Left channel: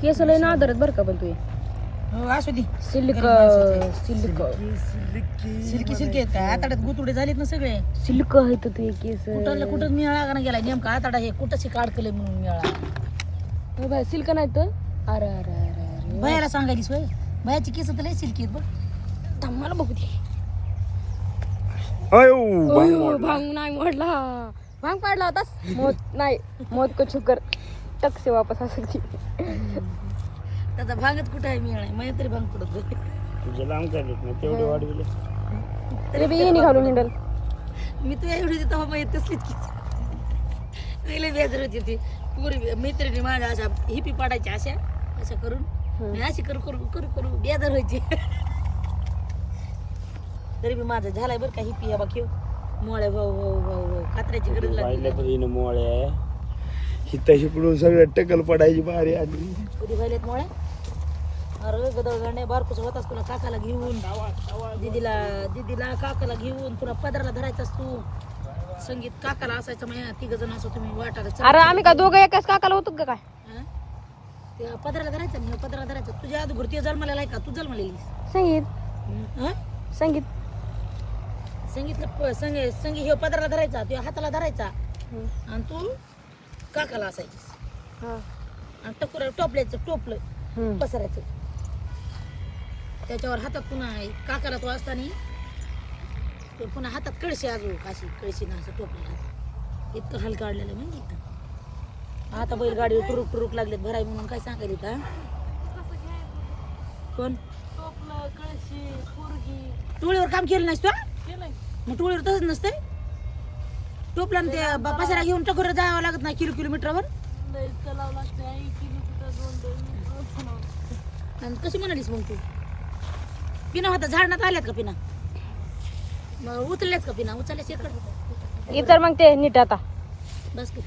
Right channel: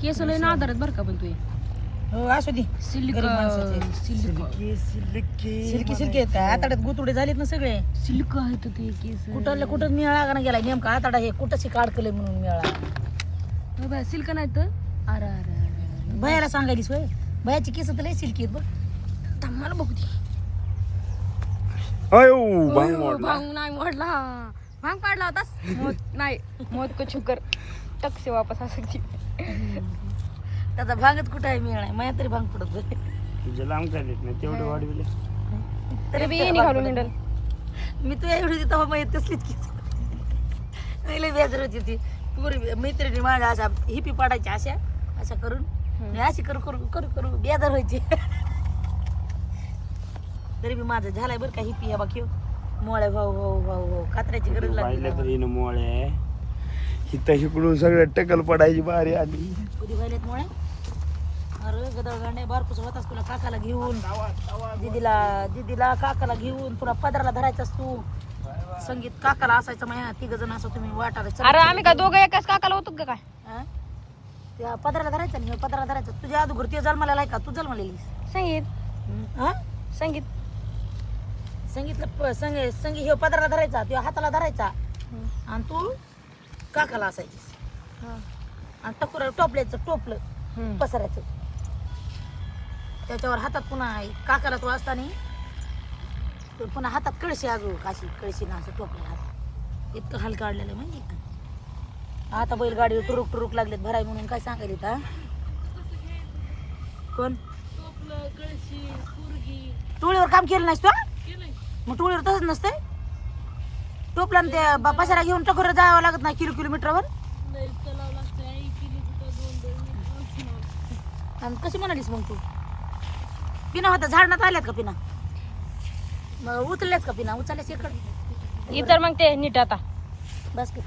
केस लय ना आदरत बरं का पण तू हो असू दे सिल्क सिल्की सिल्की आहेत काय आताड्यात गुतुडे झालेत ना सगळे सिल्क आहेत ते केस कुठं कुठं मिळाला का गेला नेमका आताडा हे कुठंशी काढकले म्हणून मिळाला सिल्क नाही तर अरे अरे अरे भयाला सांगायलीस होय भयाची केस तर लय सिल्की आहेत बघ थांब मला बघू दे भांग मोडला भांग नाही मोडला भांग पाडला होतास मौत नाही मौत को छुकर टक से वापस आ सकती त्याचा भांगच कुठं आहे मिळणार माझ्या तरी भांग पडत होते तुझ्या लांब काय देत नाही तेवढे वाढविले तरी बी निघालून हिंडल मी तुझ्या एवढी होती तेव्हा माहित तसलीच की लई बेजार होती ती पूर्वी मैत्रिणी माझ्या अशा हिपी पाडायच्या अशा करून मी अशी करू करू करू करू बेजार व्हायची तरी बी माझं झालाय बरं का हिपी या बाकी मोळ्या भाऊ भाऊ भाऊ भाऊ कात्र्याची गरज लागली तरी मोळे आहे हिता शिकडून सगळं टकल पडायची बारी आली कधी व्हायलेत मोळ्या अरे गदळगांडे बारकूच होतास तुला काकाला घेऊन दीदीला काकाला घेऊन तुला पदराला धरायचास तू संगीत काकाला असायचं माझ्या तिघ जण असं तुम्ही वाटायला अरे आम्ही काय दोघं एकाच काकाला होतो का काय त्या पदराला धरायचं नाही पदराला धरायचं तुझ्या अगोदर ते जन्माला आहे का तू जन्मलेली संगीत हा संगीत संगीतला संगीत हे पदराला धरायचा तुझ्या हाताला धरायचा आणि तू काकाला असायची आणि टकुरा टोपल्याचं टोपलं पसरायचं त्याच्यावर हातात पुन्हा काकाला तो असताना पुन्हा हातात कळशी अजून काशी कळशी ना असं टोपलं हात इतकं हाल काढलेलं म्हणजे आता बैलगाडीवर टुरुक टुरुक लागलेत भराय म्हणून काय सांगायला होता कोण टोपलं कळशी पोरगी टोळीवर काम केलं नाहीस तू मग टोळीवर तसंच नसतंय टोपला त्या पसारा घेऊन टकोर जावं लागत नाही किलोमीटरवर चलावं लागतं 1 किलोमीटर 2 आणि कशी म्हणालीस मग तू पिना होता झाडण्यात आल्यात का पिना मग उचलल्यात का पिना उचलल्याच इकडे इतर मग ते नीट आता बस की